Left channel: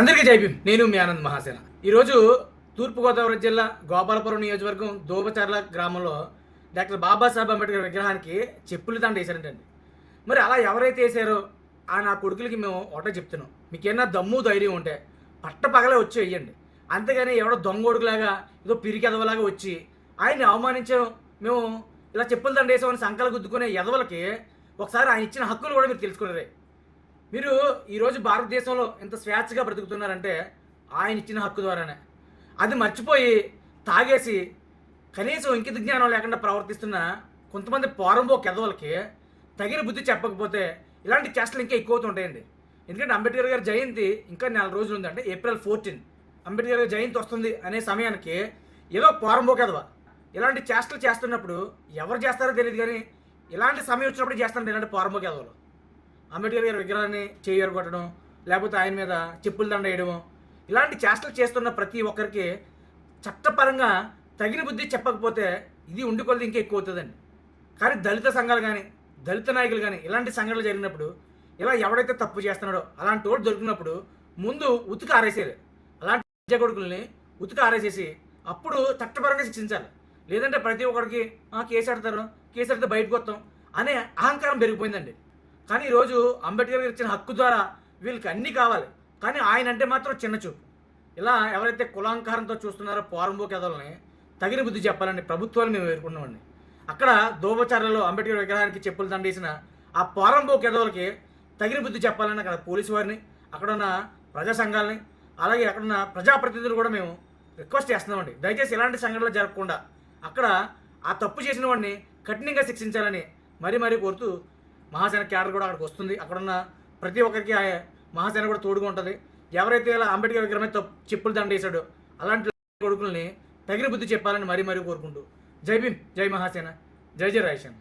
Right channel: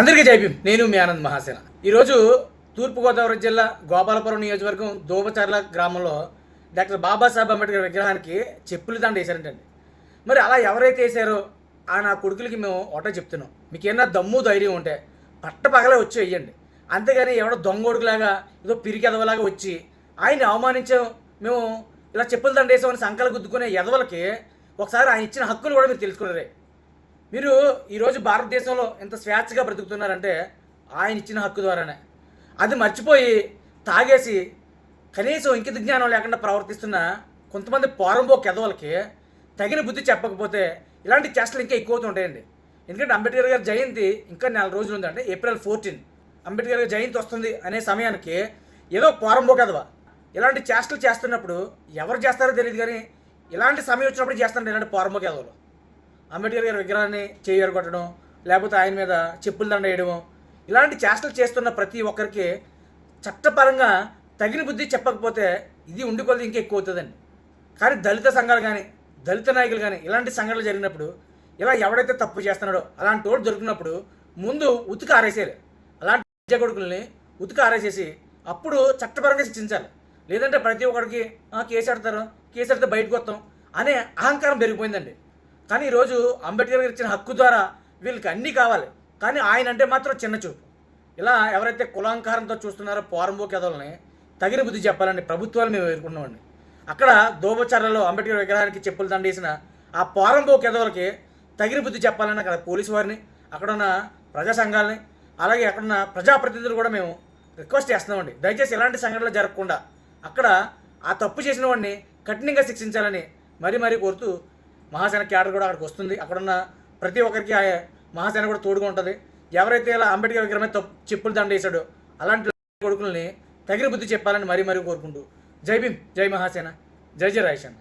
అందరికీ జై భీమ్. నేను మీ ఆనంద్ మహాసేన. ఈరోజు తూర్పుగోదావరి జిల్లా గోపాలపురం నియోజకవర్గం దోమచర్ల గ్రామంలో డాక్టర్ బాబాసాహెబ్ అంబేద్కర్ విగ్రహానికి చెప్పులు దండ వేశారంటండి. మరి అలా ఎవరైతే వేసారో ఆ నా కొడుకులకి మేము ఒకటే చెప్తున్నాం, మీకు ఏమన్నా దమ్ము ధైర్యం ఉంటే పట్ట పగలే వచ్చి వెయ్యండి. అంతేగాని ఎవడో దొంగోడుకులాగా ఏదో పిరికి ఎదవలాగా వచ్చి ఆయన్ని అవమానించాం, మేము ఇలా చెప్పులు దండ వేసామని సంకలు గుద్దుకునే ఎదవలకి ఒకసారి ఆయన ఇచ్చిన హక్కులు కూడా మీరు తెలుసుకున్నారే. మీరు ఈరోజు భారతదేశంలో ఎంత స్వేచ్ఛగా బ్రతుకుతున్నారంటే ఆయన ఇచ్చిన హక్కు ద్వారానే. అది మర్చిపోయి తాగేసి కనీసం ఇంకిత జ్ఞానం లేకుండా ప్రవర్తిస్తున్న కొంతమంది పోరంబో కెదవలకి తగిన బుద్ధి చెప్పకపోతే ఇలాంటి చేష్టలు ఇంకా ఎక్కువ ఉంటాయండి. ఎందుకంటే అంబేద్కర్ గారి జయంతి ఇంకా 4 రోజులు ఉందంటే ఏప్రిల్ 14 అంబేద్కర్ గారి జయంతి వస్తుంది అనే సమయానికి ఏదో పోరంబో కెదవ ఇలాంటి చేష్టలు చేస్తున్నప్పుడు ఎవరు చేస్తారో తెలియదు, కానీ ఇలాంటి సమయం వచ్చినప్పుడు చేస్తారండి ఇలాంటి పోరంబో కెదవలు. అంబేద్కర్ గారి విగ్రహాన్ని చేయరు కొట్టడం, లేకపోతే ఆయన మీద చెప్పులు దండ వేయడము, ఇలాంటి చేష్టలు చేస్తున్న ప్రతి ఒక్కరికి చట్టపరంగా తగిన బుద్ధి చెప్పకపోతే ఇది ఉండికొలది ఇంకా ఎక్కువ అవుతుందండి. కానీ దళిత సంఘాలు కానీ దళిత నాయకులు కానీ ఇలాంటి సంఘటనలు జరిగినప్పుడు ఇలా ఎవడైతే తప్పు చేస్తున్నాడో అలాంటి వాడు దొరికినప్పుడు ముందు ఉతుకు ఆరేసేయాలి. అలాంటి విద్య కొడుకుల్ని ఉతుకు ఆరేసేసి అప్పుడు చట్టపరంగా శిక్షించాలి. లేదంటే ప్రతి ఒక్కడికి కేసు ఆడతారు, కేసు ఆడితే బయటకు వస్తాం అనే అహంకారం పెరిగిపోయిందండి. కానీ ఈరోజు అంబేద్కర్ గారు ఇచ్చిన హక్కు ద్వారా వీళ్ళకి అన్నీ కావాలి, కానీ ఆయన అంటే మాత్రం చిన్న చూపు. ఇలా ఎవరైతే కులాంకారంతో చూస్తున్నారో పోరంబో కెదవలని తగిన బుద్ధి చెప్పాలని ప్రభుత్వాలు మేము ఎదుర్కొన్నామండి. అక్కడ దోమచర్లలో అంబేద్కర్ విగ్రహానికి చెప్పులు దండేసిన ఆ పోరంబో కెదవలకి తగిన బుద్ధి చెప్పాలని అక్కడ పోలీసు వారిని, అక్కడున్న ప్రజా సంఘాలని, అలాగే అక్కడున్న ప్రజాప్రతినిధులు కూడా మేము రిక్వెస్ట్ చేస్తున్నామండి. దయచేసి ఇలాంటి సంఘటనలు జరగకుండా అక్కడ ఆ తప్పు చేసిన వాడిని కఠినంగా శిక్షించాలని మరీ కోరుతూ మహాసేన క్యాడర్ కూడా అక్కడికి వస్తుంది. అక్కడున్న ప్రతి ఒక్కరికి మహాసేన కూడా తోడుగా ఉంటుంది. ఎవరైతే ఇలా అంబేద్కర్ విగ్రహం మీద చెప్పులు దండ వేసాడో అలాంటి కొడుకుల్ని తగిన బుద్ధి చెప్పాలని మరీ కోరుకుంటూ జై భీమ్, జై మహాసేన, జై జై రాయసేన.